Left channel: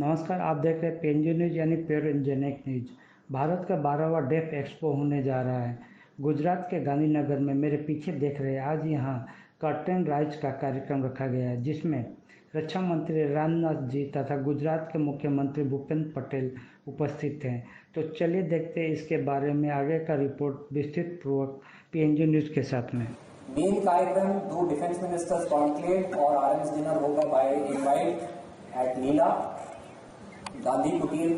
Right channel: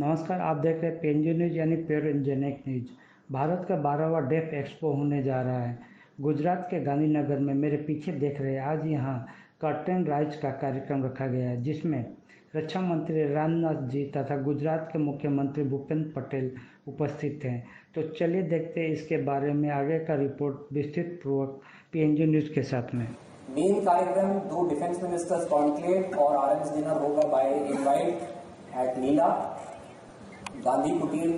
नमस्कार, आप देख रहे हैं पीएनजी न्यूज यानी प्योर इंजेनिक न्यूज। भारत का 12वां डेफ एक्सपो होने जा रहा है। गुजरात के गांधीनगर में मेरे पीछे देख रहे हैं, आज यहाँ कर्टेन राइज का कार्यक्रम रखा गया है, जिसमें रक्षा मंत्री राजनाथ जी तथा गुजरात के मुख्यमंत्री भूपेंद्र पटेल उपस्थित हैं। तो चलिए देखते हैं इसके बारे में आगे का रिपोर्ट विस्तृत पूर्वक पीएनजी न्यूज के साथ में। मेन कार्यक्रम 2 डिफेंस मिनिस्टर्स कॉन्क्लेव और आरएम्स डिनर होगा बाय इनवाइट एट लीला। गांधी कुटीर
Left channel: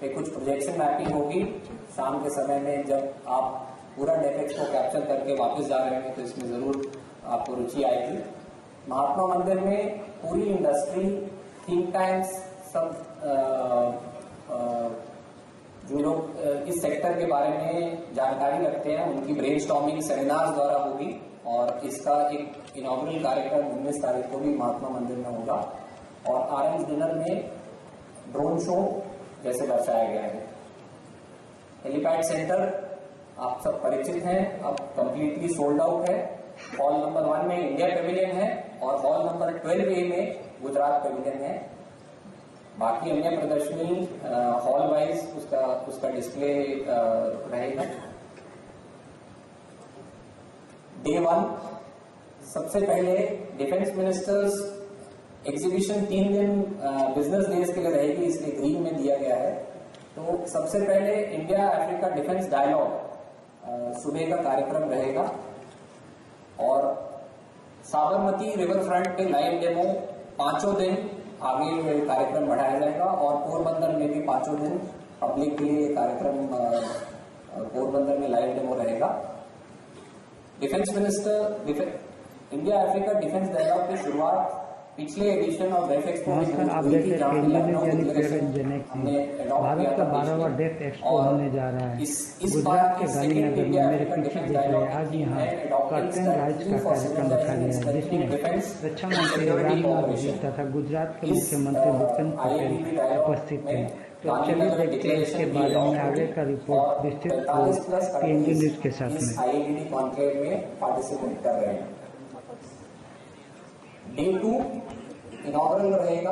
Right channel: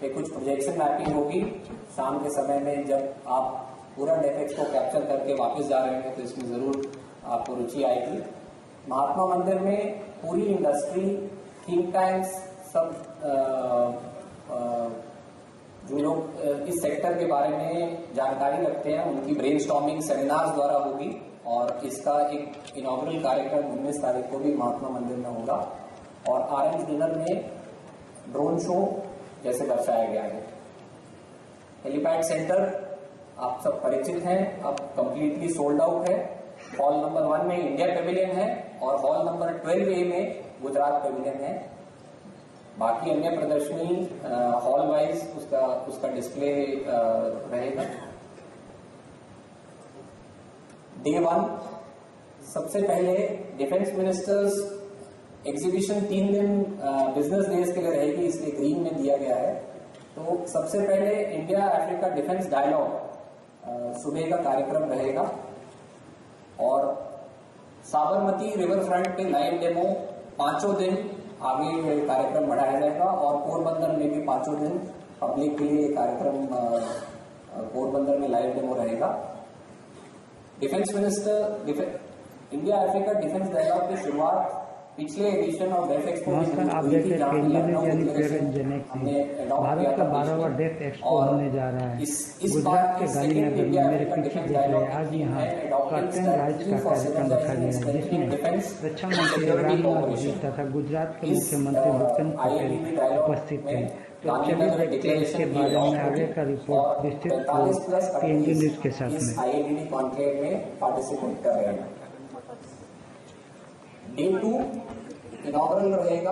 पे कुछ प्रोजेक्शन मैपिंग होगी शाम के समय में। जब आप पूरा डेफेक्स को कैप्चर करके वापस जा रहे हैं तो इसमें जरूर आपको रुचि आएगी। महात्मा मंदिर में पूरी इंडस्ट्री, थिंक टैंक्स, सब जो लोग इस सेक्टर के बारे में जानकारी रखते हैं उनकी ब्रेनस्टॉर्मिंग सेमिनार्स द्वारा होगी। और इसका एक इनॉग्रल कार्यक्रम 19 तारीख को भी महात्मा मंदिर में होगा। और आरएम्स डिनर में ड्रोन शो जैसे दर्शाया गया है। हेलीपैड सेंटर आप सब परिचित हैं, अब कंप्लीटली सोल्ड आउट है। हॉल नंबर 1 में इंडिया पेविलियन है और हॉल नंबर 12A में गुजरात पेविलियन है। बाकी अन्य प्रदर्शनी हॉल वाइज उसका डिस्प्ले रहेगा। डे 1 सबसे पहले डिफेंस मिनिस्टर्स एग्जीबिशन 3 दिन बिजनेस डेज के लिए रहेगी, इसलिए ग्रीन में दिया गया है। तो सबसे पहले इंडिया अफ्रीका डिफेंस डायलॉग सुबह का कार्यक्रम रहेगा और साबरमती रिवर फ्रंट पे लाइव डेमो 5 दिन आगे कार्यक्रम बढ़ाया जाएगा। और पोरबंदर में भी 5 दिन पब्लिक के लिए कार्यक्रम पोरबंदर में लाइव डेमो रहेगा। Defence minister India Africa defence dialogue की शुरुआत पिछले एडिशन ऑफ डेफ एक्सपो। नमस्कार, आप देख रहे हैं पीएनजी न्यूज यानी प्योर इंजेनिक न्यूज। भारत का 12वां डेफ एक्सपो होने जा रहा है। गुजरात के गांधीनगर में मेरे पीछे देख रहे हैं, आज यहाँ कर्टेन राइज का कार्यक्रम रखा गया है, जिसमें रक्षा मंत्री राजनाथ जी तथा गुजरात के मुख्यमंत्री भूपेंद्र पटेल उपस्थित हैं। तो चलिए देखते हैं इसके बारे में आगे का रिपोर्ट विस्तृत पीएनजी न्यूज के साथ में। आईएलडी कॉन्क्लेव में पार्टिसिपेट कर रहे हैं। डे 2 इनॉग्रल रहेगा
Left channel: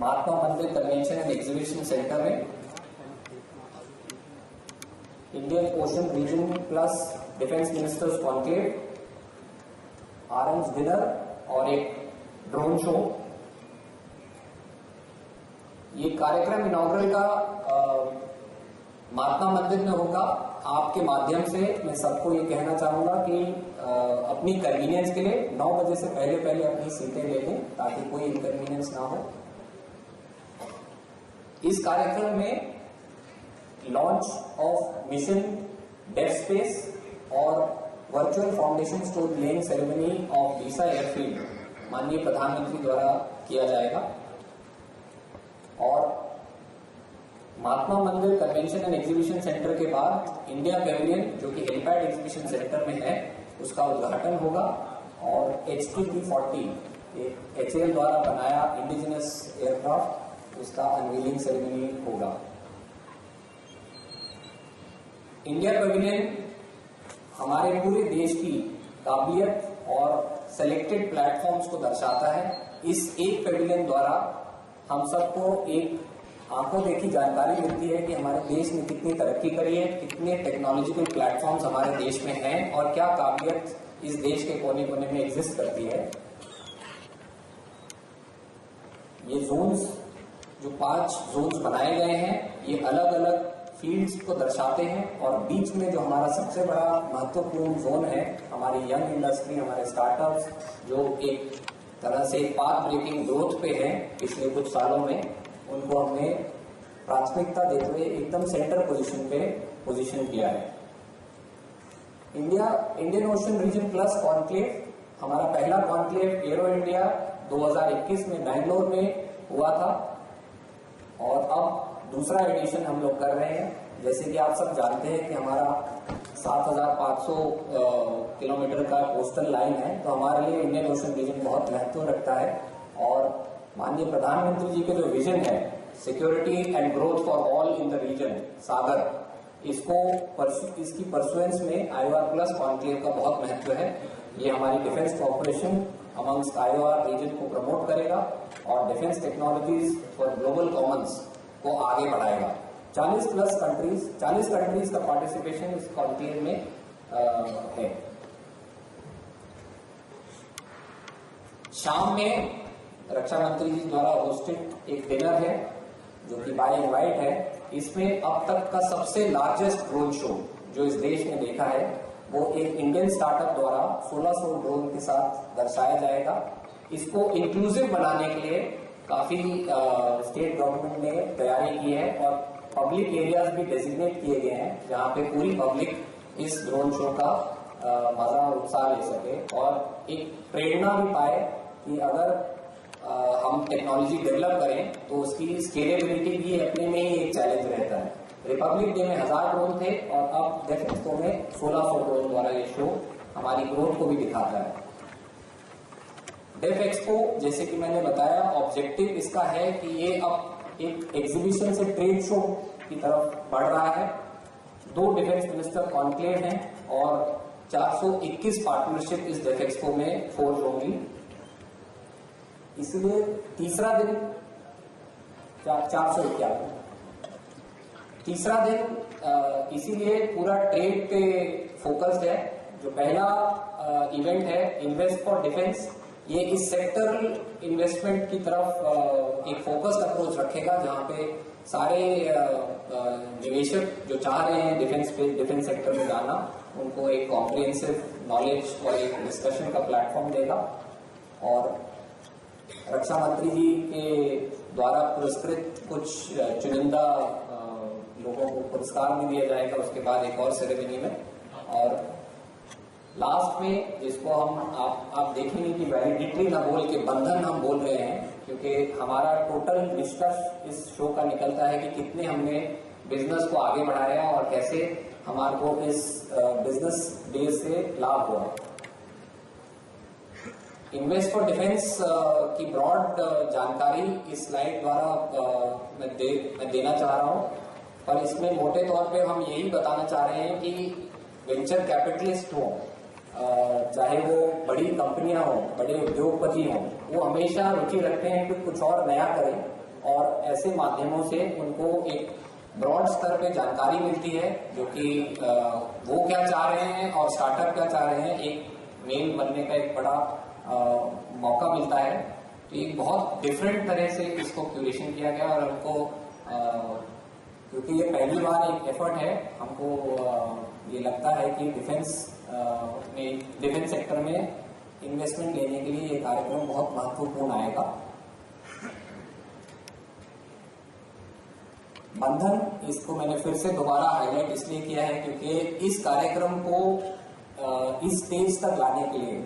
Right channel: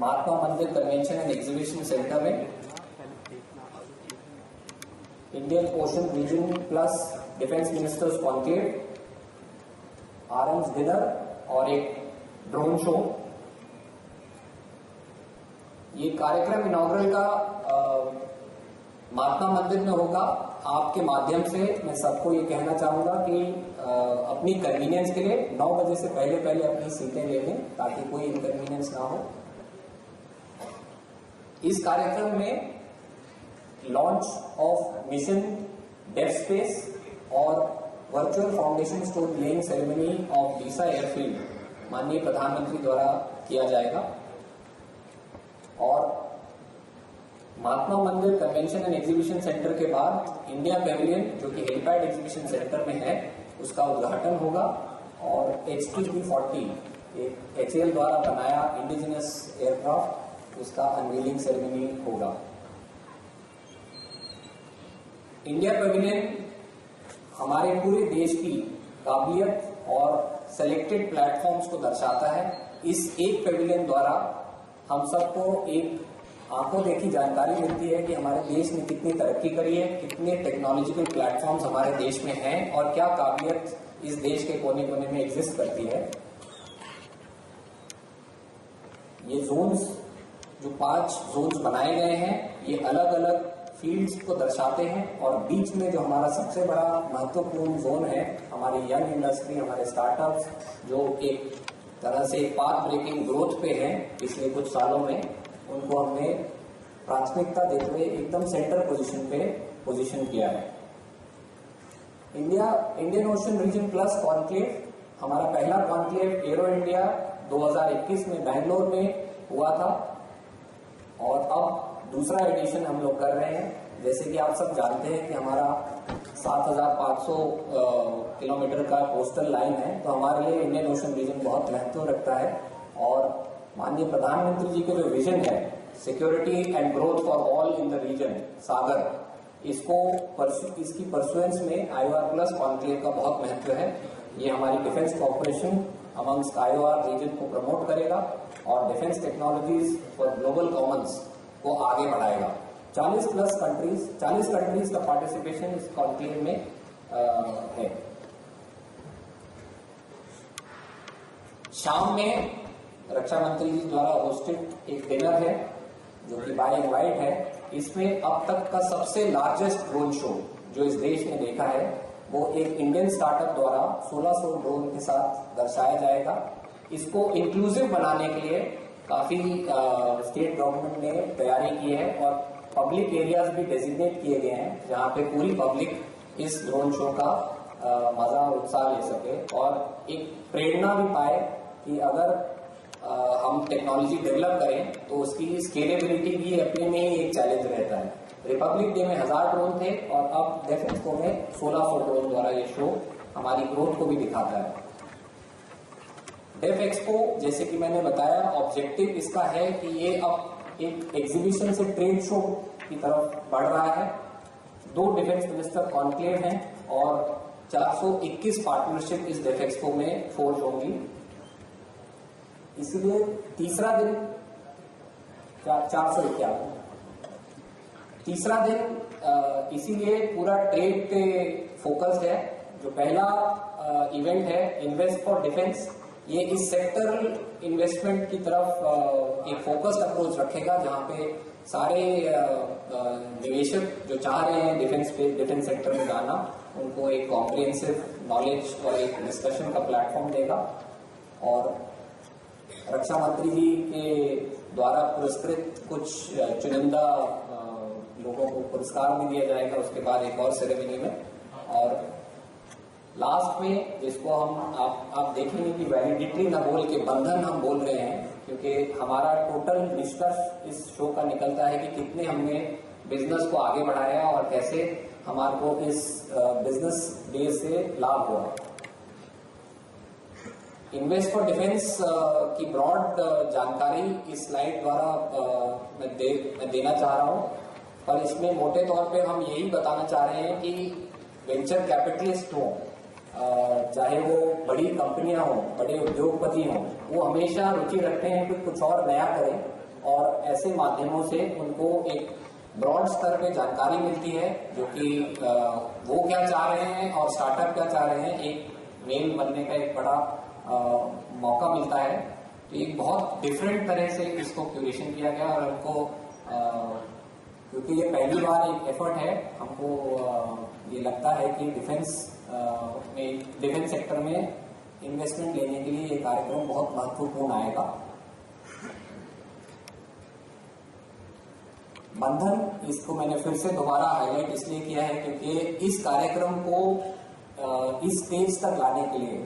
Mahatma Mandir convention and exhibition centre में। Indian ocean region plus defence ministers conclave, RM's dinner और एक ड्रोन शो। ये कार्यक्रम इनॉग्रल का महात्मा मंदिर में होगा। आपके माध्यम से मैं सबको ये कहना चाहूंगा कि अपनी कन्वीनियंस के लिए 9 बजे से पहले अपनी सीटें ले लें ताकि कोई इनकन्वीनियंस ना हो। इस कार्यक्रम में launch of mission def space और virtual foundation stone laying ceremony of Deesa airfield माननीय प्रधानमंत्री द्वारा किया जाएगा। और महात्मा Mandir convention and exhibition centre के बाद इंडिया पेविलियन जो कि हेलीपैड एग्जीबिशन सेंटर में है उसका उद्घाटन होगा। और HT-40 एक HAL द्वारा बनाया इंडिजिनस एयरक्राफ्ट, उसका अनवीलिंग सेरेमनी होगा। इंडिया पेविलियन हमारे पूरे देश की काबिलियत और सेलेक्टेड प्लेटफॉर्म्स को दर्शाता है। इस एक पेविलियन द्वारा हम सबको एक आंखों देखी जानकारी मिलती है कि हमारे देश ने कितनी तरक्की करी है, कितने टेक्नोलॉजिकल प्लेटफॉर्म्स हमारे देश में हैं और क्या काबिलियत इस देश के कोने कोने में एग्जिस्ट करती है। ये जोन्स जो 5 जोन्स बनाए गए हैं ये अलग अलग फील्ड्स को दर्शाते हैं। और बीच में जो हमारा सबसे बड़ा महत्वपूर्ण जोन है हमारी यंग इंडस्ट्री, हमारे स्टार्टअप्स जो एक तरह से पाथ ब्रेकिंग ग्रोथ पे है पिछले कुछ सालों में, उनको हमने प्राथमिकता देते हुए एकदम सेंटर पोजीशन पे पोजीशन किया है। Indian ocean region plus conclave हमारा पहला कॉन्क्लेव एरो इंडिया 2021 में बैंगलोर में हुआ था और अब दूसरा एडिशन हम लोग कर रहे हैं। जैसे कि आप सब जानते हैं कि हमारा 7,500 किलोमीटर का कोस्टल लाइन है, तो हमारे लिए इंडियन ओशन रीजन बहुत महत्व रखता है। और माननीय प्रधानमंत्री जी के जो विजन है security and growth for all in the region Sagar, इसकी परसुएंस में IOR प्लस कॉन्क्लेव का बहुत महत्व है। ये हमारी defence corporation amongst IOR region को प्रमोट करेगा और defence technologies for global commons को आगे बढ़ाएगा। 40 कंट्रीज का पार्टिसिपेशन इस कॉन्क्लेव में है। शाम में रक्षा मंत्री जी द्वारा होस्टेड एक डिनर है जो कि बाय इनवाइट है। इसमें अब तक का सबसे लार्जेस्ट ड्रोन शो जो इस देश ने देखा है वो एक इंडियन स्टार्टअप द्वारा 1600 ड्रोन के साथ दर्शाया जाएगा। इसको इंक्लूसिव बनाने के लिए काफी स्टेट गवर्नमेंट ने तैयारी की है और पब्लिक एरियाज भी डेजिग्नेट किए गए हैं जहां पे पूरी पब्लिक इस ड्रोन शो का मजा और उत्साह ले सके और एक प्रेरणा भी पाए कि अगर हम टेक्नोलॉजी डेवलप करें तो उसकी स्केलेबिलिटी भी अपने में ही एक चैलेंज रहता है। रिपब्लिक डे में 1000 ड्रोन थे और अब डेफ एक्सपो में 1600 ड्रोन द्वारा ये शो हमारी ग्रोथ को भी दिखाता है। डेफ एक्सपो जैसे कि मैंने बताया ऑब्जेक्टिव इसका है कि ये अब एक एग्जीबिशन से ट्रेड शो की तरफ बढ़ रहा है। 2 डिफेंस मिनिस्टर कॉन्क्लेव हैं और 421 पार्टनरशिप इस डेफ एक्सपो में फोर्ज होंगी। इसलिए तीसरा दिन 451 तीसरा दिन इसीलिए पूरा ट्रेड पे फोकस्ड है। जो पहला इवेंट है इन्वेस्ट फॉर डिफेंस, ये इस सेक्टरल इन्वेस्टमेंट की तरफ एक फोकस्ड अप्रोच रखेगा जहां पे सारे निवेशक जो चाह रहे हैं डिफेंस सेक्टर में जाना उनको एक कॉम्प्रिहेंसिव नॉलेज और एक डिस्कशन का प्लेटफॉर्म देगा। और रक्षा मंत्री जी के द्वारा पुरस्कृत कुछ चुनिंदा लोगों को पुरस्कार भी दिया जाएगा उसके बाद एक और सेरेमनी में। और लास्ट में जिसको हम आप देखेंगे कि वैलिडिटी ना बोल के बंधन हम बोल रहे हैं क्योंकि हमारा टोटल निष्कर्ष इस शो का निकलता है कि कितने हमने बिजनेस को आगे बढ़ाया और कैसे हमारे को इस बिजनेस डे से लाभ हुआ। इन्वेस्ट फॉर डिफेंस की ब्रॉड जानकारी इस स्लाइड द्वारा मैं देना चाह रहा हूं, पर इसमें मोटे तौर पे हम यही बताना चाह रहे हैं कि वेंचर कैपिटलिस्ट हो चाहे वो बड़ी कंपनियां हो बड़े उद्योगपति हो वो हमेशा रुचि रखते हैं कि कुछ और नया करें और ऐसे माध्यमों से उनको एक ब्रॉड स्तर पे जानकारी मिलती है जो कि वो क्या चाह रहे हैं और स्टार्टअप क्या चाह रहे हैं, एक मेल बनने का एक बड़ा मौका मिलता है। तो एक बहुत डिफरेंट तरह से इसको क्यूरेशन किया गया और हमको क्योंकि ये पहली बार एक एफर्ट है हमको ये लगता है कि डिफेंस सेक्टर में इन्वेस्टमेंट लेने के लिए ये कार्यक्रम बहुत महत्वपूर्ण आएगा। बंधन इसको मैंने फिर से दोबारा हाईलाइट इसलिए किया है क्योंकि इस कार्यक्रम को इस स्टेज तक लाने के लिए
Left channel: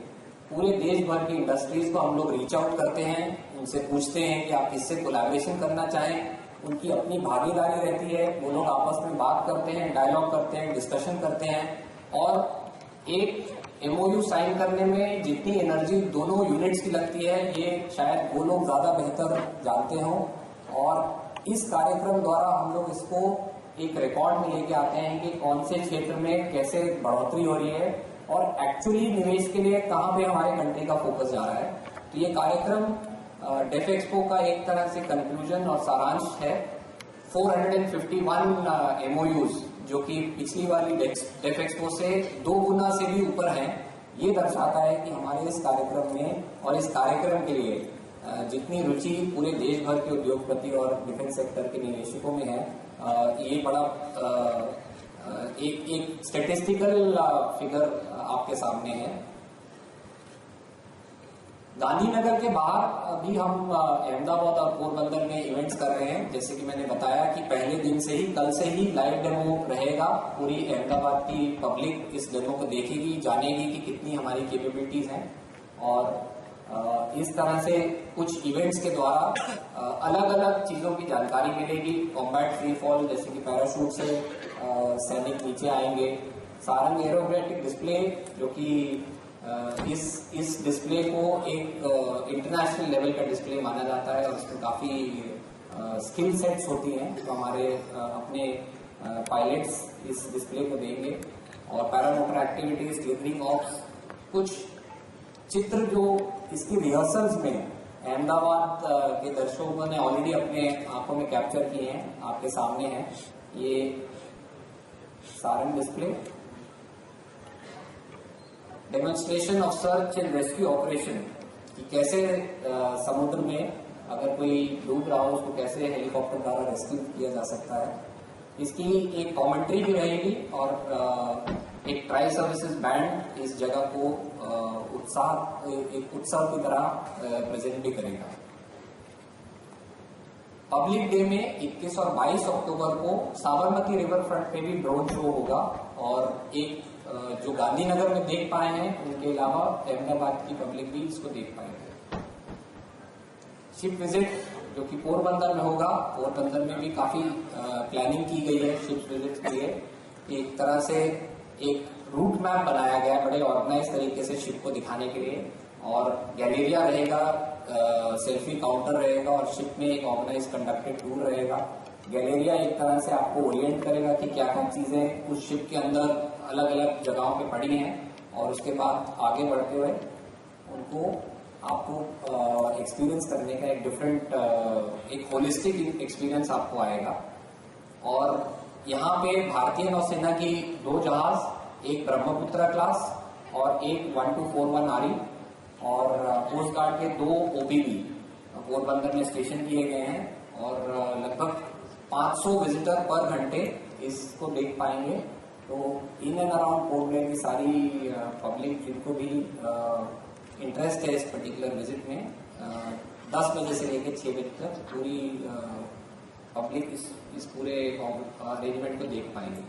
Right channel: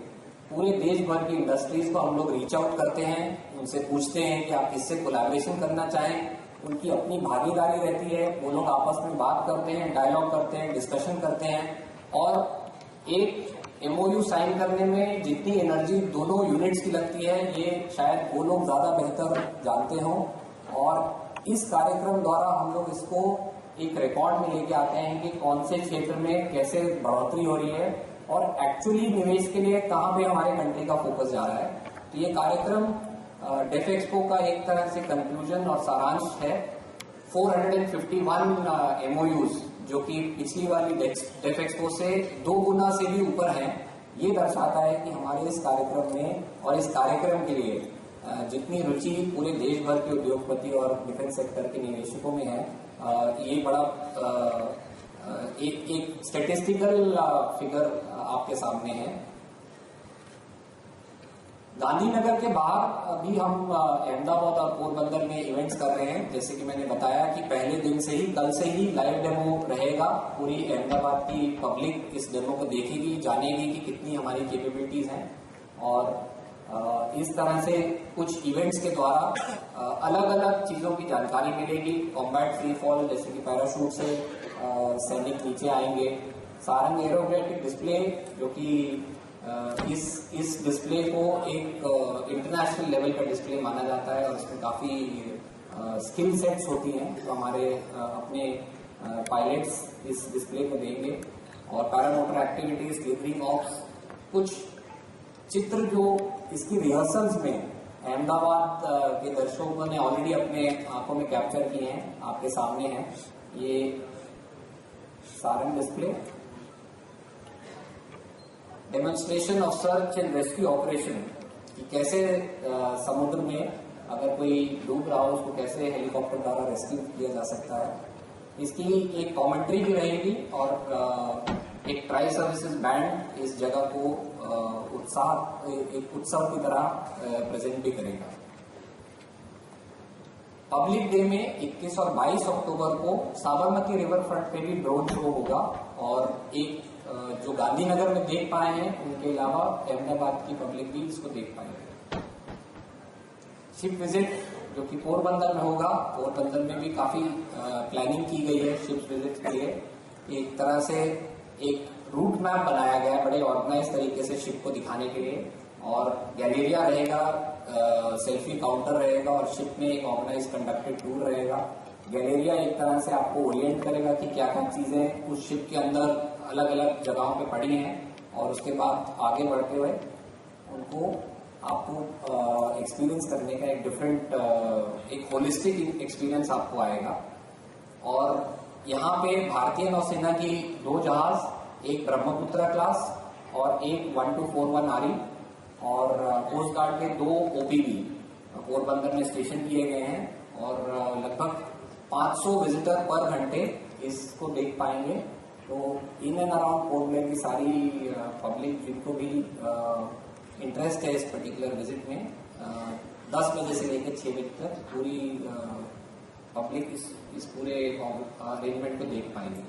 पूरे देश भर की इंडस्ट्रीज को हम लोग रीच आउट करते हैं, उनसे पूछते हैं कि आप किससे कोलैबोरेशन करना चाहें। उनकी अपनी भागीदारी रहती है, वो लोग आपस में बात करते हैं, डायलॉग करते हैं, डिस्कशन करते हैं और एक एमओयू साइन करने में जितनी एनर्जी दोनों यूनिट्स की लगती है ये शायद वो लोग ज्यादा बेहतर जानते हों। और इस कार्यक्रम द्वारा हम लोग इसको एक रिकॉर्ड में लेके आते हैं कि कौन से क्षेत्र में कैसे बढ़ोतरी हो रही है और एक्चुअली निवेश के लिए कहां पे हमारे कंट्री का फोकस जा रहा है। तो ये कार्यक्रम डेफ एक्सपो का एक तरह से कंक्लूजन और सारांश है। 451 एमओयूज जो कि पिछली वाली डेफ एक्सपो से 2 गुना से भी ऊपर है, ये दर्शाता है कि हमारे इस कार्यक्रम में और इस कार्यक्रम के लिए जितनी रुचि पूरे देश भर के उद्योगपति और डिफेंस सेक्टर के निवेशकों में है, ये बड़ा एक स्टैटिस्टिकल फिगर आपके सामने है। गांधीनगर के बाहर अभी हम अहमदाबाद और पोरबंदर में इवेंट्स कर रहे हैं। जैसे कि मैंने बताया कि पहले दिन से ही कल से ही लाइव डेमो रहेगा। पूरी अहमदाबाद की पब्लिक इस डेमो को देखेगी, जानेगी कि कितनी हमारी कैपेबिलिटीज हैं और इस तरह से कुछ इवेंट्स के द्वारा अलग अलग चीजों की जानकारी मिलेगी। कॉम्बैट फ्री फॉल जैसे कि पैराशूट से सैनिक नीचे आएंगे, सारंग एरोबैटिक डिस्प्ले जो कि इस डिस्प्ले को एक इंटरनेशनल लेवल का डिस्प्ले माना जाता है और इसमें काफी स्किल सेट्स होती हैं तो हमारे अपने पायलट्स इस डिस्प्ले को देंगे। और पैरामोटर एक्टिविटीज, टेपरिंग ऑप्स, कुछ चित्र जो इसकी रिहर्सल्स में अहमदाबाद के दर्शकों ने ऑलरेडी अपने आंखों में कैप्चर किए हैं, आपके सामने हैं ये Sarang display. Demonstration of search and rescue operation कि कैसे समुद्र में अगर कोई डूब रहा हो उसको कैसे हेलीकॉप्टर द्वारा रेस्क्यू किया जा सकता है। इसकी एक कमेंट्री भी रहेगी और एक ट्राई सर्विसेज बैंड इस जगह को एक उत्सव की तरह प्रेजेंट भी करेगा। पब्लिक डे में 21 और 22 अक्टूबर को साबरमती रिवर फ्रंट पे भी ड्रोन शो होगा और एक जो गांधीनगर में देख पाए हैं उनके अलावा अहमदाबाद की पब्लिक भी इसको देख पाएंगे। शिप विजिट जो कि पोरबंदर में होगा, पोरबंदर में भी काफी प्लानिंग की गई है शिप विजिट के लिए। एक तरह से एक रूट मैप बनाया गया है बड़े ऑर्गेनाइज तरीके से शिप को दिखाने के लिए और गैलेरिया रहेगा, सेल्फी काउंटर रहेगा और शिप में एक ऑर्गेनाइज कंडक्टेड टूर रहेगा। गैलेरिया एक तरह से आपको ओरिएंट करेगा कि क्या क्या चीजें उस शिप के अंदर अलग अलग जगहों पे पड़ी हैं और उसके बाद आगे बढ़ते हुए उनको आपको एक्सपीरियंस करने का एक डिफरेंट एक होलिस्टिक एक्सपीरियंस आपको आएगा। और यहाँ पे भारतीय नौसेना की 2 जहाज, एक ब्रह्मपुत्र क्लास और एक 1241 आरी और कोस्ट गार्ड के 2 ओपीवी पोरबंदर में स्टेशन किए गए हैं और लगभग 500 विजिटर पर घंटे इसको देख पाएंगे। तो in and around port Blair की सारी पब्लिक जिनको भी इंटरेस्ट है इस पर्टिकुलर विजिट में 10 बजे से लेकर 6 बजे तक पूरी पब्लिक इस पूरे अरेंजमेंट को देख पाएंगे।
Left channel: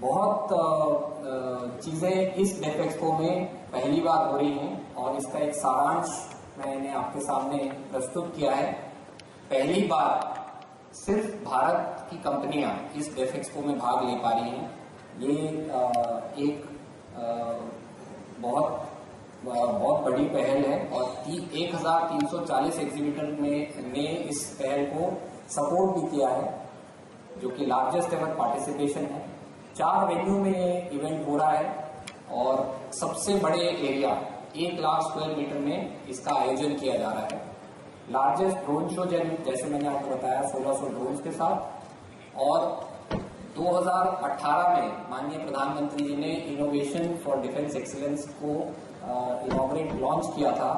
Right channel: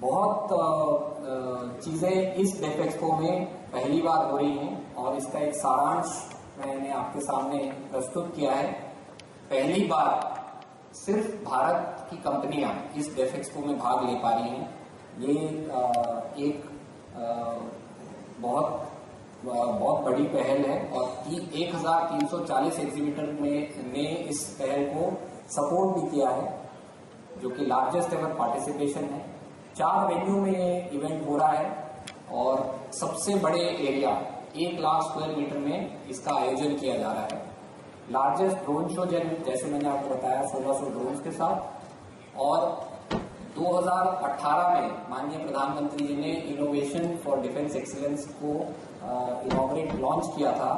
बहुत चीजें इस डेफ एक्सपो में पहली बार हो रही हैं और इसका एक सारांश मैंने आपके सामने प्रस्तुत किया है। पहली बार सिर्फ भारत की कंपनियां इस डेफ एक्सपो में भाग ले पा रही हैं। ये एक बहुत बड़ी पहल है और 1340 एग्जीबिटर ने इस पहल को सपोर्ट भी किया है जो कि लार्जेस्ट एवर पार्टिसिपेशन है। 4 वेन्यू में ये इवेंट हो रहा है और सबसे बड़े एरिया 1 लाख स्क्वायर मीटर में इसका आयोजन किया जा रहा है। लार्जेस्ट ड्रोन शो जैसे मैंने आपको बताया 1600 ड्रोन के साथ और 2018 में माननीय प्रधानमंत्री जी ने इनोवेशन फॉर डिफेंस एक्सीलेंस को इनॉग्रेट लॉन्च किया था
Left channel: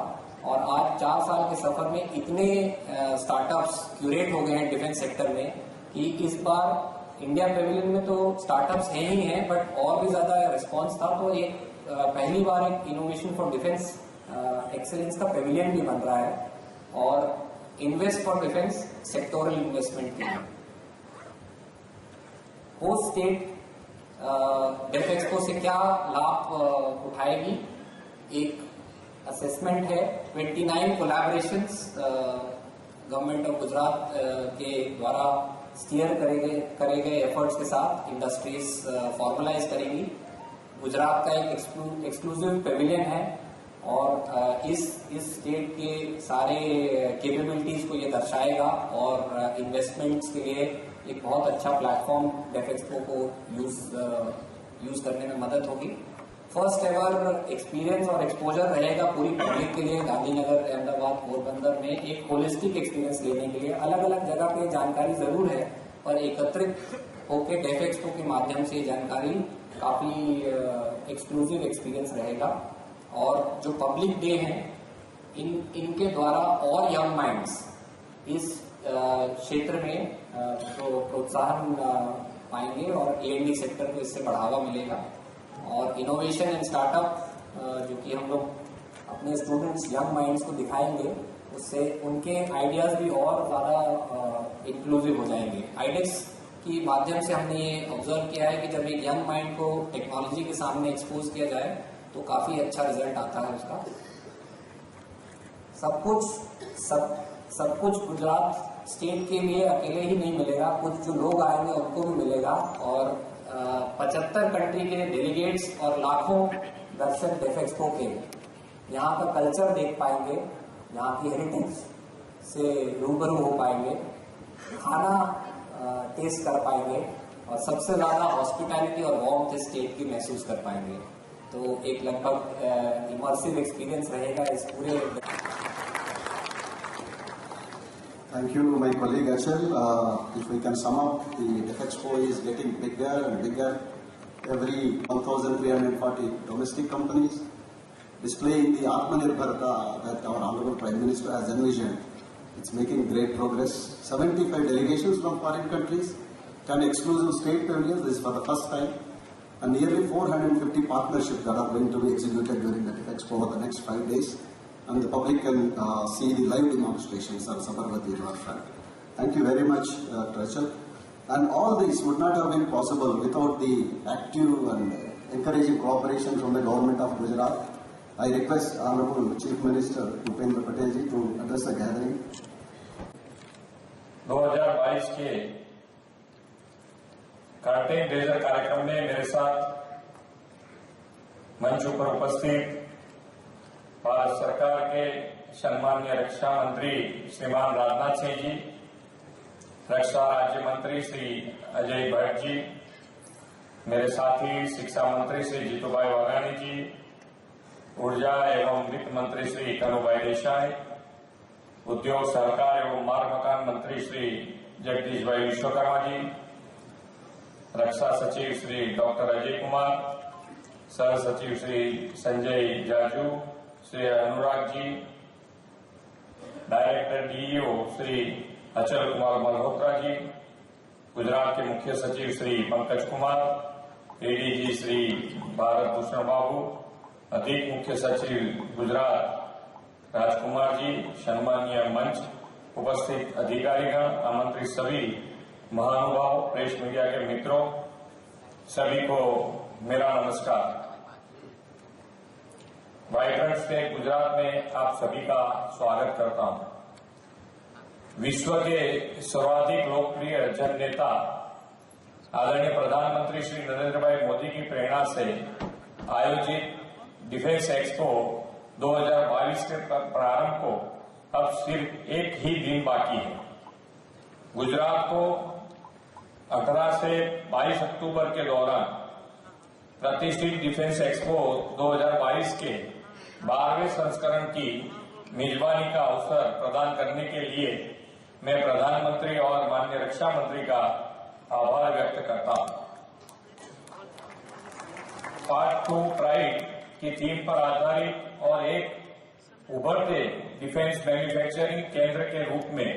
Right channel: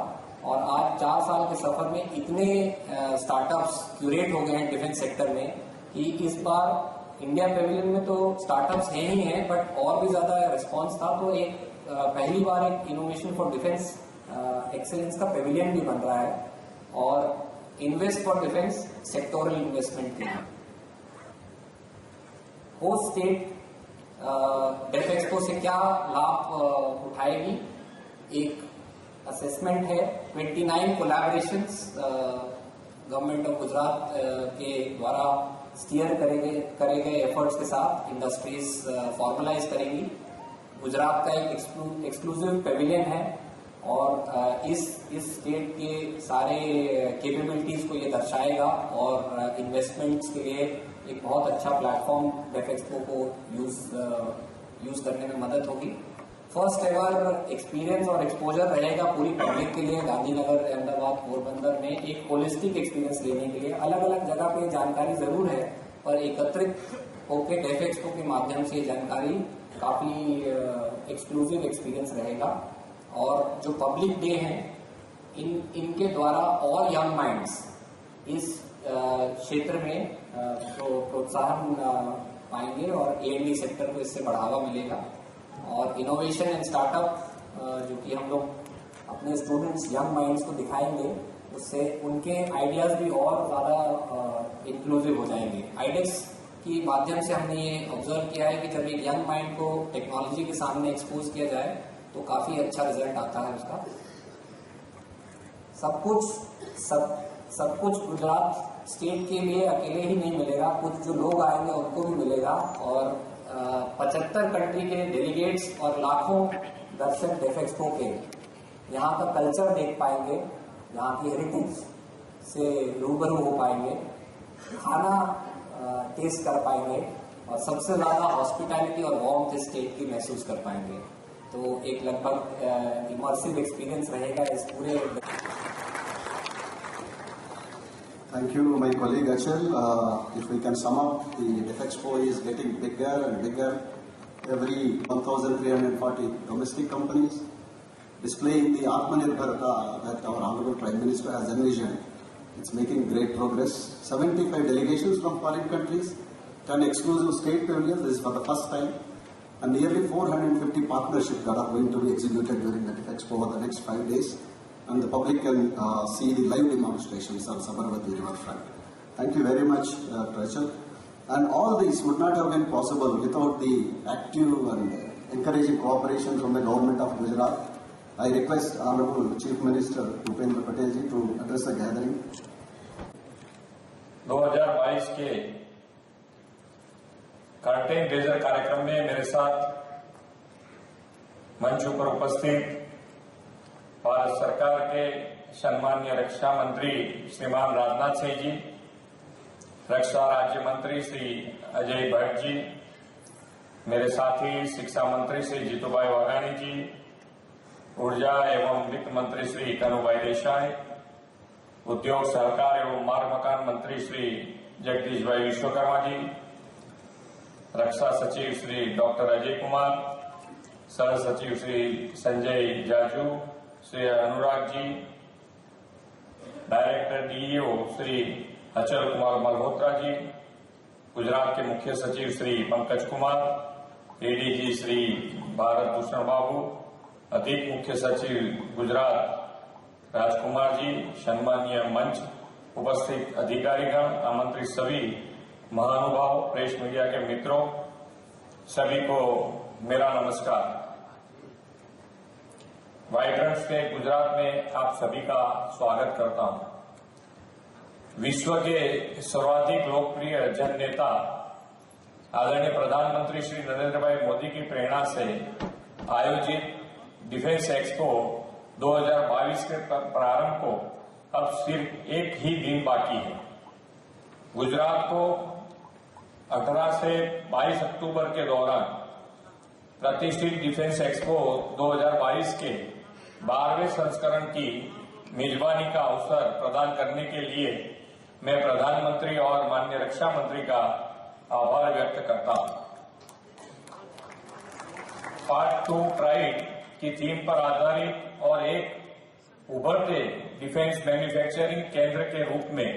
और आज 4 साल के सफर में इतने स्टार्टअप्स क्यूरेट हो गए हैं डिफेंस सेक्टर में कि इस बार इंडिया पेविलियन में तो स्टार्टअप्स हैं ही हैं बट और भी ज्यादा रिस्पांस था। तो एक पहली बार एक इनोवेशन फॉर डिफेंस एक्सीलेंस का पेविलियन भी बन रहा है और invest for defence sectoral investment के लिए होस्ट स्टेट डेफ एक्सपो से क्या लाभ उठाएगी। एक असेसमेंट है 29 कोलैबोरेशंस गवर्नमेंट ऑफ गुजरात के द्वारा स्टीयर करे गए एफर्ट्स के साथ इंडस्ट्रीज फॉर्मलाइज करेगी। गुजरात का एक एक्सक्लूसिव पेविलियन है और इस स्टेट के सारे कैपेबिलिटीज को ये दर्शाएगा और इन्वेस्टमेंट्स के लिए एक बहुत अच्छा प्लेटफॉर्म डेफ एक्सपो को यूज करने में मदद होगी। फर्स्ट एवर एक्सपीरियंस और एक्सपोजर रहेगा पूरी पब्लिक के लिए गांधीनगर, अहमदाबाद, पोरबंदर में एक होलिस्टिक एक्सपीरियंस लेने के लिए। अलग अलग जगह पे जानकारी जरूर है पर एकत्रित होकर डेफ एक्सपो के माध्यम से जानकारी काफी एक्सक्लूसिव एक्सपीरियंस रहेगा। और जो पब्लिक डे है इनके द्वारा और यंग माइंड्स इस क्षेत्र में प्रोत्साहन पाएंगे और A&D सेक्टर को इससे बढ़ावा मिलेगा और इनोवेशन एंड स्टार्टअप जो कि हम लोग अपने स्टूडेंट्स यंग माइंड्स को दिखाएंगे उससे उनके आइडियाज भी और ज्यादा इंक्लूसिव हो जाएंगे। आइडेक्स की माध्यम से हमने ये ऑब्जर्व किया है कि जब एक यंग माइंड को टेक्नोलॉजी के सामने एक्सपोज किया जाए तो काफी अच्छा रिजल्ट आता है उसका। सब कुछ गुजरात स्टेट के लिए अकेले ही नहीं मिलेगा, कुछ जो लोग आएंगे उनको भी मिलेगा और 75 कंट्री के डेलीगेट्स और लाखों दर्शक डेफ एक्सपो के यहाँ का कल्चर देख पाएंगे, यहाँ की हेरिटेज से रूबरू हो पाएंगे, खाना टेस्ट कर पाएंगे और सबसे ज्यादा हॉस्पिटैलिटी और वार्मथ स्टेट की महसूस कर पाएंगे। तो एक लगभग इमर्सिव एक्सपीरियंस रहेगा इस पूरे। Thank you, my colleague Achal. If we can sum up, the DefExpo is getting bigger and bigger. Every 1,340 domestic companies displaying the Atmanirbharta that our Honorable Prime Minister has envisioned. It's making great progress. 75 delegations from foreign countries, 10 exclusive state pavilions. This is for the first time. And nearly 450 partnerships that are going to be executed during the DefExpo over the next 5 days. And the public can see the live demonstrations on Sabarmati riverfront. Thank you very much, Rachel. And all this would not have been possible without the active and encouraging cooperation from the government of Gujarat. I request Honorable Chief Minister Bhupendra Patel ji to address the gathering. 2022 के curtain razor कार्यक्रम में मेरे साथ मंच पर उपस्थित भारत सरकार के सम्माननीय रक्षा मंत्री श्रीमान राजनाथ सिंह जी, रक्षा राज्य मंत्री श्री अजय भट्ट जी, मेरे साथी शिक्षा मंत्री श्री जीतूभाई वाघानी जी, ऊर्जा एवं वित्त मंत्री श्री कनुभाई देसाई, उद्योग सहकार एवं मार्ग मकान मंत्री श्री जगदीश भाई विश्वकर्मा जी, रक्षा सचिव श्री डॉक्टर अजय कुमार, सह सचिव श्री संजय जाजू, श्री अनुराग जी, डायरेक्टर डीईओ श्री अचल कुमार मल्होत्रा जी, गुजरात के मुख्य सचिव श्री पंकज कुमार, एडीजी श्री भारत भूषण बाबू, अधिक मुख्य सचिव गुजरात राजकुमार जी, सम्मानीय मंच उपस्थित अधिकारीगण, आमंत्रित सभी महानुभाव, प्रेस मीडिया के मित्रों, सभी को मेरा नमस्कार। वाइब्रेंट स्टेट गुजरात में आप सभी का स्वागत करता हूं। विश्व के सर्वाधिक लोकप्रिय जन नेता आदरणीय प्रधानमंत्री श्री नरेंद्र भाई मोदी की प्रेरणा से आयोजित डिफेंस एक्सपो 2022 के प्रारंभ को अब सिर्फ एक ही दिन बाकी है। गुजरात को 18 से 22 अक्टूबर के दौरान प्रतिष्ठित डिफेंस एक्सपो 2022 के 12वें संस्करण की मेजबानी का अवसर प्रदान करने के लिए मैं प्रधानमंत्री और माननीय रक्षा मंत्री का आभार व्यक्त करता हूं। पार्ट 2 प्राइड की थीम पर आधारित और एक उभरते डिफेंस मैन्युफैक्चरिंग केंद्र के रूप में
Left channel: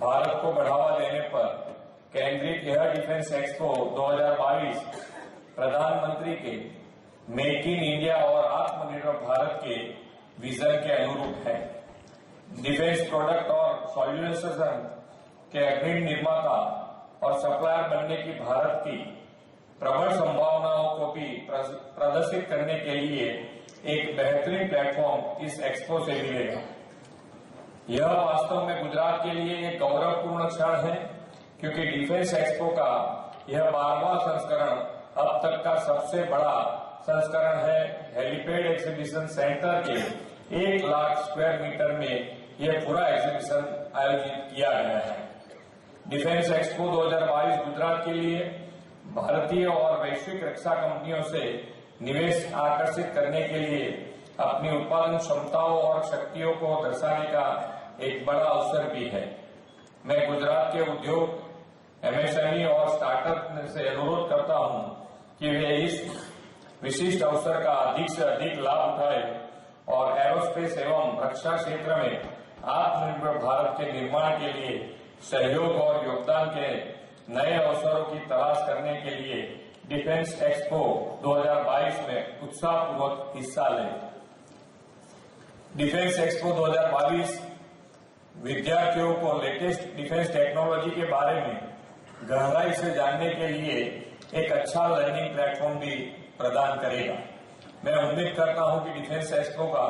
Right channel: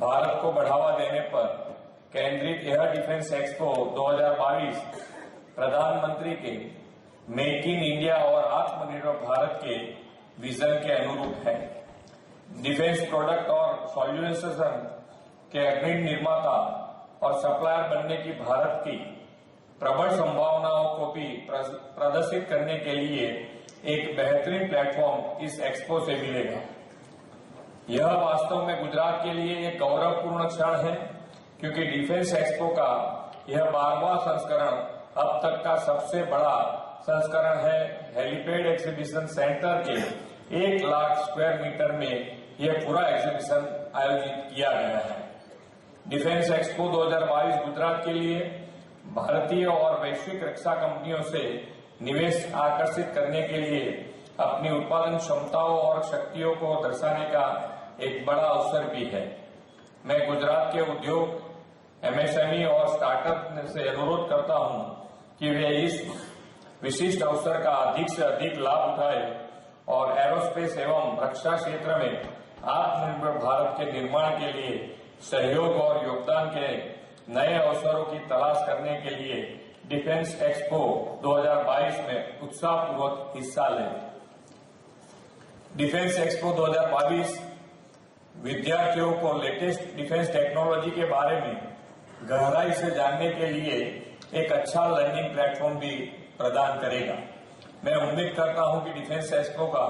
भारत को बढ़ावा देने पर केंद्रित यह डिफेंस एक्सपो 2022 प्रधानमंत्री के मेक इन इंडिया और आत्मनिर्भर भारत के विजन के अनुरूप है। डिफेंस प्रोडक्ट और सॉल्यूशन के अग्रणी निर्माता और सप्लायर बनने की भारत की प्रबल संभावनाओं को भी प्रदर्शित करने के लिए एक बेहतरीन प्लेटफॉर्म इस एक्सपो से मिलेगा। यह वास्तव में गुजरात के लिए एक गौरवपूर्ण क्षण है, क्योंकि डिफेंस एक्सपो का यह 12वां संस्करण अब तक का सबसे बड़ा संस्करण है। हेलीपैड एग्जीबिशन सेंटर के 1 लाख स्क्वायर मीटर में यह पूरा एग्जीबिशन आयोजित किया गया है। डिफेंस एक्सपो 2022 गुजरात के लिए भारतीय और वैश्विक रक्षा कंपनियों से निवेश आकर्षित करने के लिए अपनी उत्पादन क्षमताओं और शक्तियों को दर्शाने का एक बड़ा अवसर भी है। मैं गुजरात के उद्योग, एमएसएमई और स्टार्टअप से अनुरोध करता हूं कि वे इस विशिष्ट अवसर का अधिक से अधिक लाभ उठाए और एरोस्पेस एवं रक्षा क्षेत्र में आत्मनिर्भर भारत के निर्माण के लिए सहयोग और योगदान के नए अवसरों की तलाश करने के लिए डिफेंस एक्सपो 2022 में उत्साहपूर्वक हिस्सा लें। डिफेंस एक्सपो 2022 विद्यार्थियों को लेटेस्ट डिफेंस टेक्नोलॉजी के बारे में गहराई से जानने के लिए एक अच्छा लर्निंग प्लेटफॉर्म भी प्रदान करेगा। मैं उम्मीद करता हूं कि डिफेंस एक्सपो का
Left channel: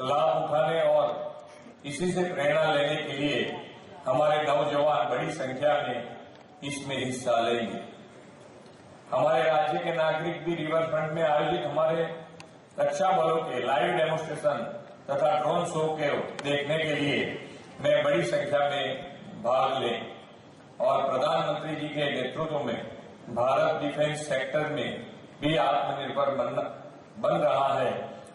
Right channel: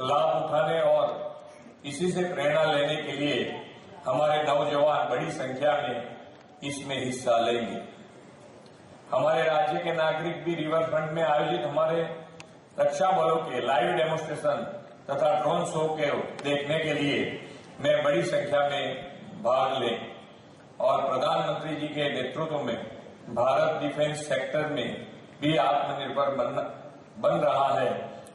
लाभ उठाने और इसी से प्रेरणा लेने के लिए हमारे नौजवान बड़ी संख्या में इसमें हिस्सा लेंगे। हमारे राज्य के नागरिक भी रिवर फ्रंट में आयोजित हमारे रक्षा बलों के लाइव डेमोन्स्ट्रेशन तथा ड्रोन शो के देखने के लिए मैं बड़ी संख्या में भाग लें और प्रधानमंत्री जी के नेतृत्व में भारत डिफेंस सेक्टर में भी आत्मनिर्भर बन रहा है,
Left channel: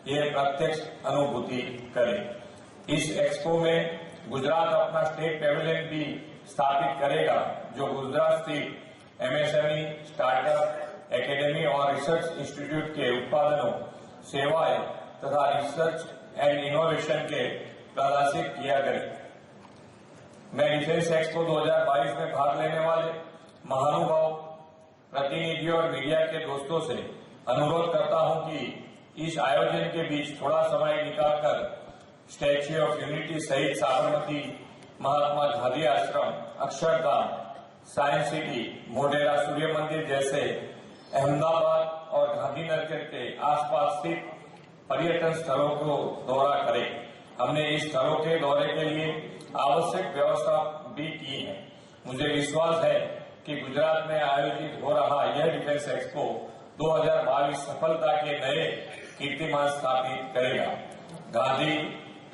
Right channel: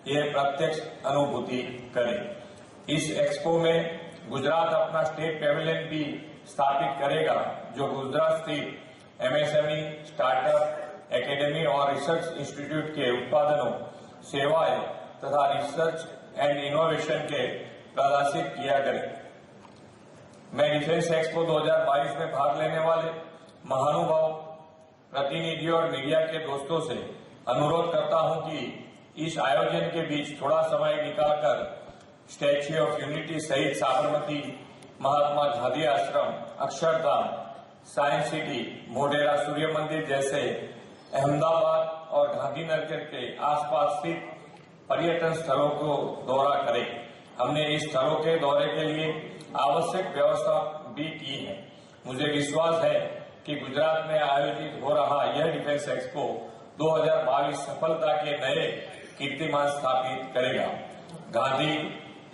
यह प्रत्यक्ष अनुभूति करें। इस एक्सपो में गुजरात अपना स्टेट पेविलियन भी स्थापित करेगा, जो गुजरात स्थित एमएसएमई, स्टार्टअप, एकेडमी और रिसर्च इंस्टीट्यूट के उत्पादनों, सेवाएं तथा रिसर्च एंड इनोवेशन के प्रदर्शित किया करे। मैं डिफेंस एक्सपो 2022 में भाग लेने वाले महानुभाव, प्रतिनिधियों और मीडिया के दोस्तों से अनुरोध करता हूं कि इस आयोजन के बीच थोड़ा समय निकालकर स्टैच्यू ऑफ यूनिटी सहित साबरमती, महात्मा गांधी आश्रम, अक्षरधाम, साइंस सिटी, मोढेरा सूर्य मंदिर जैसे अहमदाबाद और गांधीनगर के आसपास स्थित पर्यटन स्थलों को दौरा करें। हमने इस स्थलों के दौरे के लिए आवश्यक व्यवस्था भी की है। मुझे विश्वास है कि गुजरात में आयोजित हो रहा यह डिफेंस एक्सपो 2022 सफलता के नए कीर्तिमान स्थापित करेगा। गांधी,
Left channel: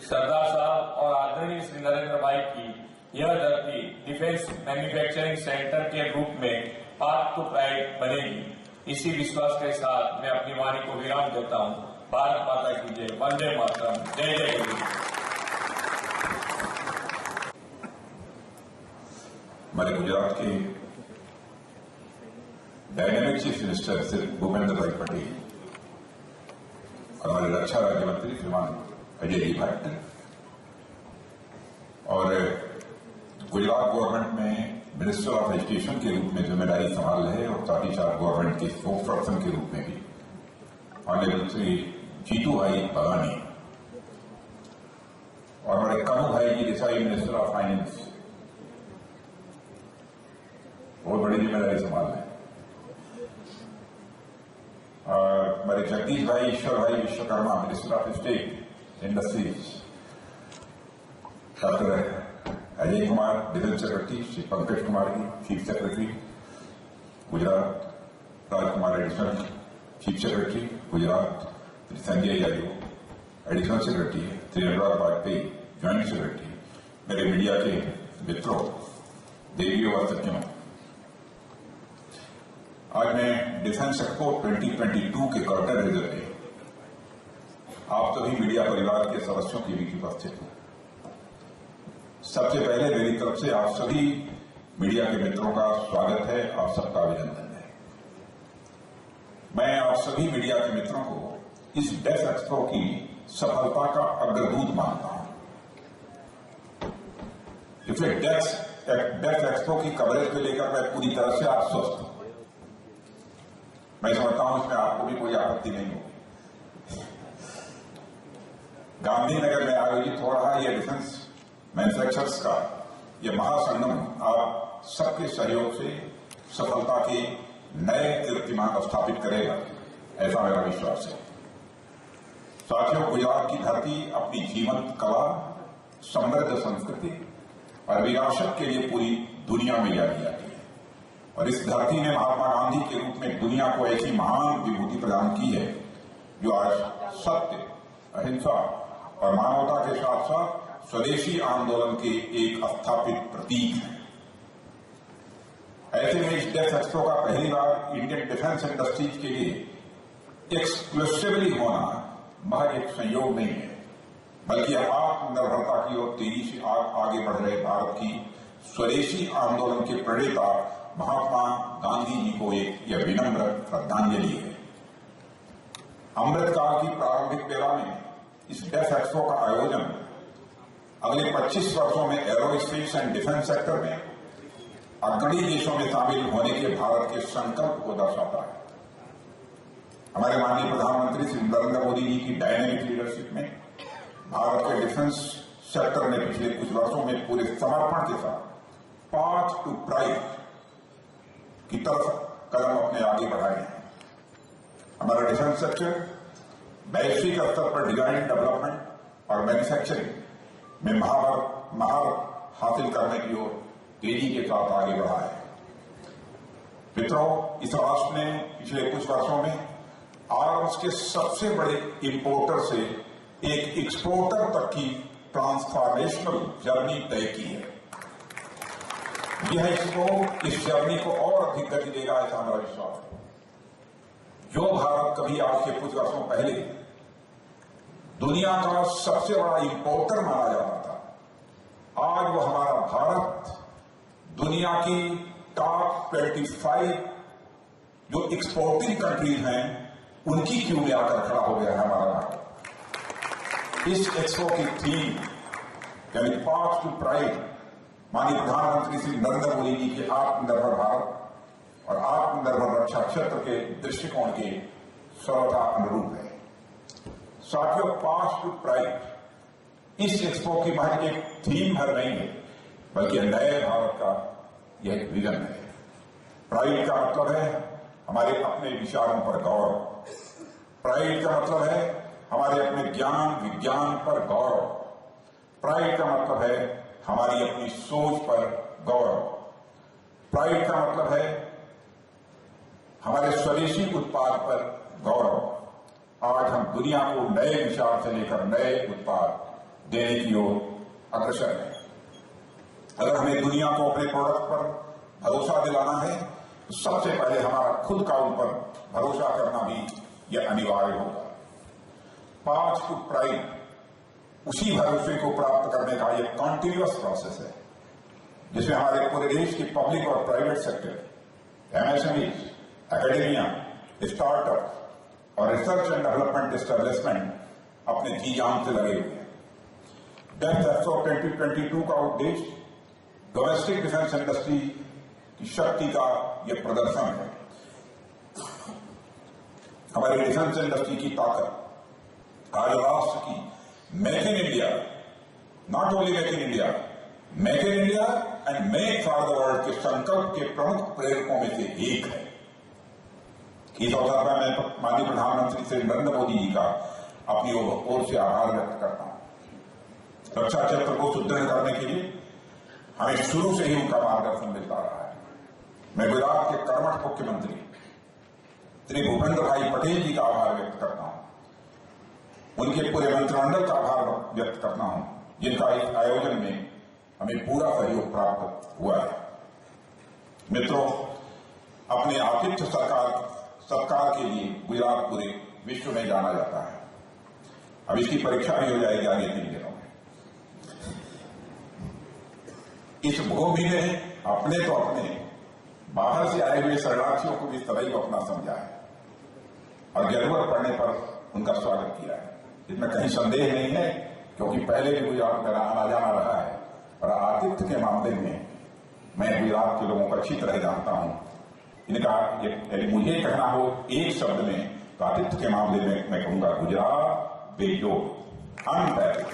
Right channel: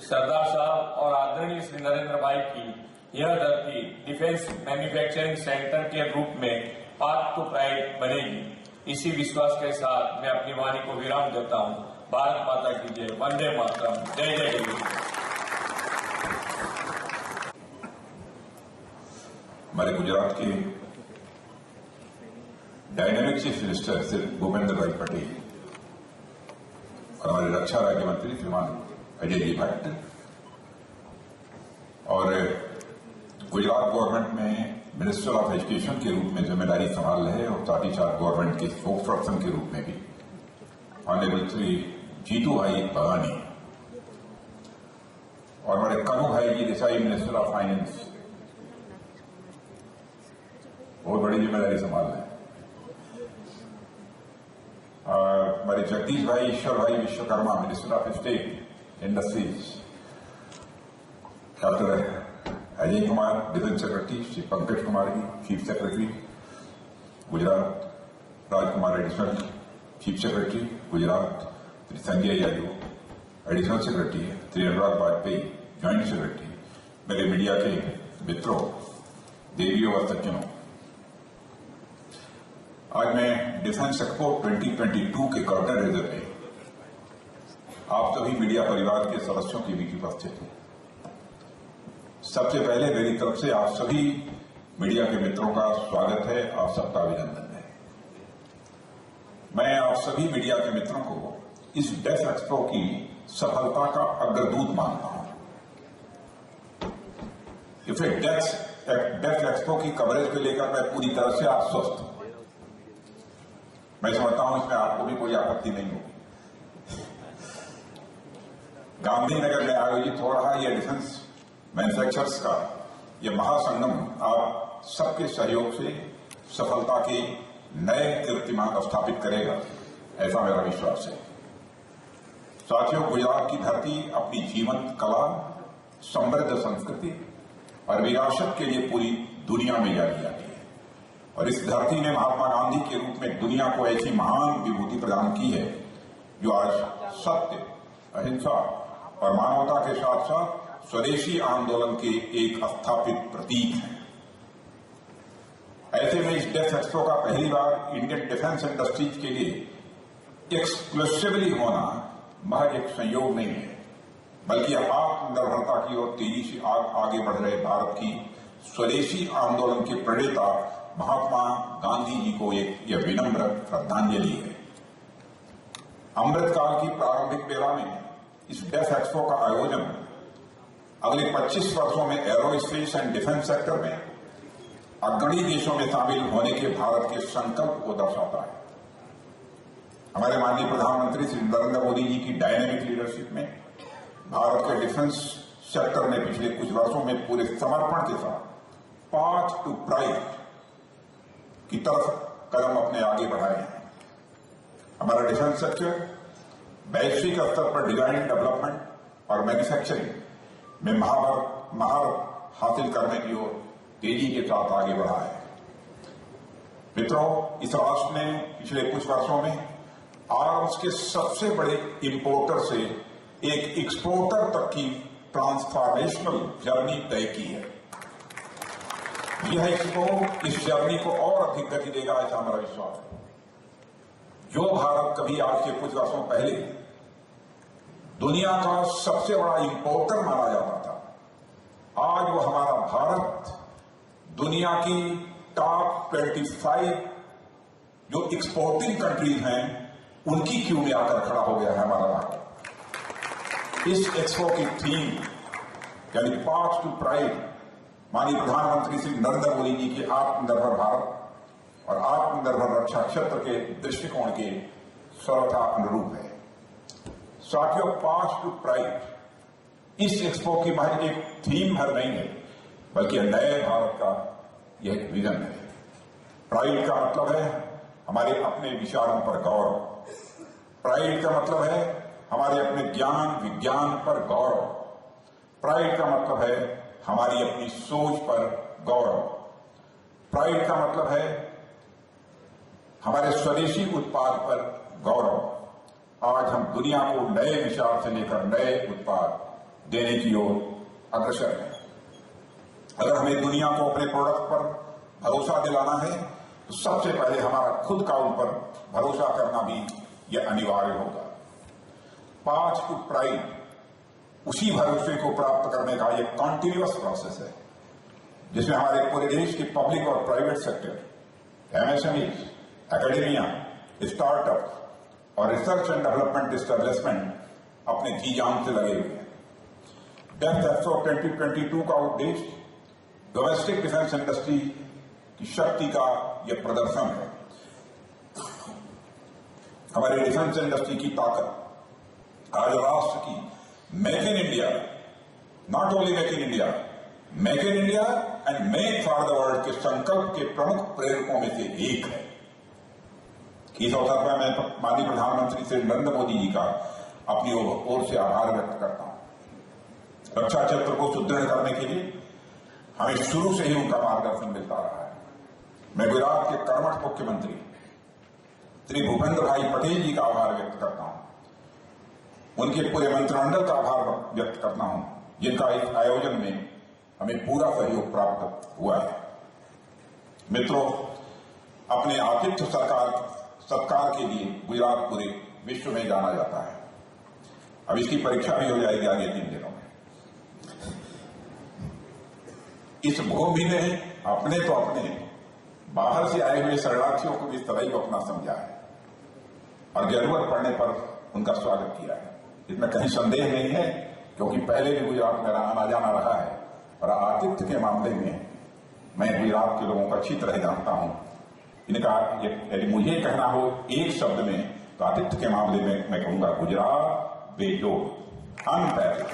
सरदार साहब और आदरणीय श्री नरेंद्र भाई की यह धरती डिफेंस मैन्युफैक्चरिंग सेंटर के रूप में पाथ टू प्राइड बनेगी। इसी विश्वास के साथ मैं अपनी वाणी को विराम देता हूं। भारत माता की जय, वंदे मातरम, जय जय गुरु। हमारे गुजरात के dynamic chief minister Shri Bhupendra भाई पटेल और हमारे रक्षा राज्य मंत्री श्रीमान अजय जी भट्ट और गुजरात गवर्नमेंट में मिनिस्टर ऑफ एजुकेशन के रूप में जिम्मेदारी संभाल रहे और साथ ही साथ गवर्नमेंट के स्पोक्स पर्सन के रूप में भी ऑनरेबल श्री जीतू भाई भवानी और हमारे कनू भाई जी देसाई मिनिस्टर ऑफ फाइनेंस बहुत बड़ी जिम्मेदारी संभाल रहे हैं। हमारे Jagdish bhai, Ishwar bhai Vishwakarma, minister of state industries, doctor Ajay Kumar, defence secretary, Shri Pankaj Kumar ji, chief secretary Gujarat, Rajkumar additional chief secretary Gujarat, Shri Sanjay Yadav additional secretary, Shri Anurag Vajpayee joint secretary, मेरे मीडिया के मित्रों, देवियों और सज्जनों, आज मैं डिफेंस एक्सपो 2022 के कर्टन रेजर में आप सभी मीडिया परिवार के सदस्यों के बीच उपस्थित हूं। सबसे पहले मेरी तरफ से आप सभी मीडिया के मित्रों का स्वागत है, आप सबका अभिनंदन है। मैं आप सभी मीडिया के मित्रों को इस डेफ एक्सपो की सफलता का अग्रदूत मानता हूं। इसलिए डेफ एक्सपो की कवरेज को लेकर मैं पूरी तरह से आश्वस्त हूं। मैं समझता हूं इसमें आपको भी कोई आपत्ति नहीं होगी। गांधीनगर में आयोजित हो रहा यह डिफेंस मैन्युफैक्चरर्स का यह महासंगम आप सबके सहयोग से सफलता के नए कीर्तिमान स्थापित करेगा, ऐसा मेरा विश्वास है। साथियों, गुजरात की धरती अपनी जीवंत कला, समृद्ध संस्कृति और विरासत के लिए पूरी दुनिया में जानी जाती है और इस धरती ने महात्मा गांधी के रूप में दुनिया को ऐसी महान विभूति प्रदान की है जो आज सत्य, अहिंसा और मानवता के साथ साथ स्वदेशी आंदोलन के एक स्थापित प्रतीक है। ऐसे में इस डेफ एक्सपो का पहली बार इंडियन डिफेंस इंडस्ट्रीज के लिए एक्सक्लूसिवली होना महज एक संयोग नहीं है, बल्कि आत्मनिर्भरता की ओर तेजी से आगे बढ़ रहे भारत की स्वदेशी आंदोलन के प्रणेता महात्मा गांधी जी को यह विनम्र श्रद्धांजलि है। अमृतकाल की प्रारंभिक बेला में इस डेफ एक्सपो का आयोजन अगले 25 वर्षों में एरोस्पेस एंड डिफेंस सेक्टर में अग्रणी देशों में शामिल होने के भारत के संकल्प को दर्शाता है। हमारे माननीय प्रधानमंत्री श्री नरेंद्र मोदी जी की डायनेमिक लीडरशिप में भारत के डिफेंस सेक्टर ने पिछले कुछ वर्षों में पूरे समर्पण के साथ पाथ टू प्राइड की तरफ कदम अपने आगे बढ़ाए हैं। हमारा डिफेंस सेक्टर वैश्विक स्तर पर डिजाइन, डेवलपमेंट और मैन्युफैक्चरिंग में महारत हासिल करने की ओर तेजी के साथ आगे बढ़ा है। मित्रों, इस राष्ट्र ने पिछले कुछ वर्षों में आर्म्स के सबसे बड़े इंपोर्टर से एक एक्सपोर्टर तक की ट्रांसफॉर्मेशनल जर्नी तय की है। यह एक्सपो इस जर्नी को और अधिक गति देगा, ऐसा हमारा विश्वास है। जो भारत कभी आज से कुछ वर्षों पहले दुनिया का सबसे बड़ा इंपोर्टर माना जाता था, आज वो हमारा भारत दुनिया की टॉप 25 जो एक्सपोर्टिंग कंट्रीज हैं उनकी क्यू में आकर खड़ा हो गया है हमारा भारत। इस एक्सपो की थीम यानी पाथ टू प्राइड माननीय प्रधानमंत्री श्री नरेंद्र मोदी जी के आत्मनिर्भर भारत और आत्मनिर्भर रक्षा क्षेत्र के दृष्टिकोण के सर्वथा अनुरूप है। साथियों, पाथ टू प्राइड इस एक्सपो की महज एक थीम भर नहीं है, बल्कि नए भारत का यह एक विजन है। प्राइड का मतलब है हमारे अपने विचारों पर गौरव, प्राइड का मतलब है हमारे अपने ज्ञान विज्ञान पर गौरव, प्राइड का मतलब है हमारी अपनी सोच पर गौरव, प्राइड का मतलब है हमारे स्वदेशी उत्पाद पर गौरव। आज हम दुनिया को नए विचार से लेकर नए उत्पाद देने की ओर अग्रसर हैं। अगर हमें दुनिया को अपने प्रोडक्ट पर भरोसा दिलाना है तो सबसे पहले हमारा खुद का उन पर भरोसा करना भी यह अनिवार्य होगा। पाथ टू प्राइड उसी भरोसे को प्राप्त करने का यह कॉन्टिन्यूअस प्रोसेस है, जिसमें हमारे पूरे देश की पब्लिक और private sector, MSMEs, academia, startup और रिसर्च एंड डेवलपमेंट एस्टेब्लिशमेंट अपने जी जान से लगे हुए हैं। डेफ एक्सपो 2022 का उद्देश्य डोमेस्टिक डिफेंस इंडस्ट्री की शक्ति का यह प्रदर्शन है। हमारी डिफेंस इंडस्ट्री की ताकत आज राष्ट्र की make in India, not only make in India, make in India and make for the world के संकल्प के प्रमुख प्रेरकों में से एक है। इस अवसर पर मैं माननीय प्रधानमंत्री श्री नरेंद्र मोदी जी का अपनी ओर से आभार व्यक्त करता हूं। रक्षा क्षेत्र को सुदृढ़ करने के लिए हमें शुरू से ही उनका मार्गदर्शन मिलता रहा है। मैं गुजरात के कर्मठ मुख्यमंत्री श्री भूपेंद्र भाई पटेल जी का आभार व्यक्त करता हूं। उनके पूरे मंत्रिमंडल का आभार व्यक्त करता हूं, जिनका इस आयोजन में हमें पूरा सहयोग प्राप्त हुआ है। मित्रों, अपने आतिथ्य सत्कार के लिए गुजरात पूरे विश्व में जाना जाता है। अब इसकी परीक्षा भी हो जाएगी आगे 3 दिनों में। इस भूमि ने अपने तो अपने बाहर से आए हुए शरणार्थियों को भी सदैव अपना समझा है और जरूरत पड़ने पर उनका स्वागत किया है। इसमें कहीं संदेह नहीं है, क्योंकि पहले भी गुजरात मेरा आना जाना रहा है और आतिथ्य के मामले में मैं गुजरात के लोगों को अच्छी तरह जानता हूं। इनका यदि मुझे कहना हो एक शब्द में तो आतिथ्य के मामले में मैं कहूंगा गुजरात बेजोड़, अनपैरिड।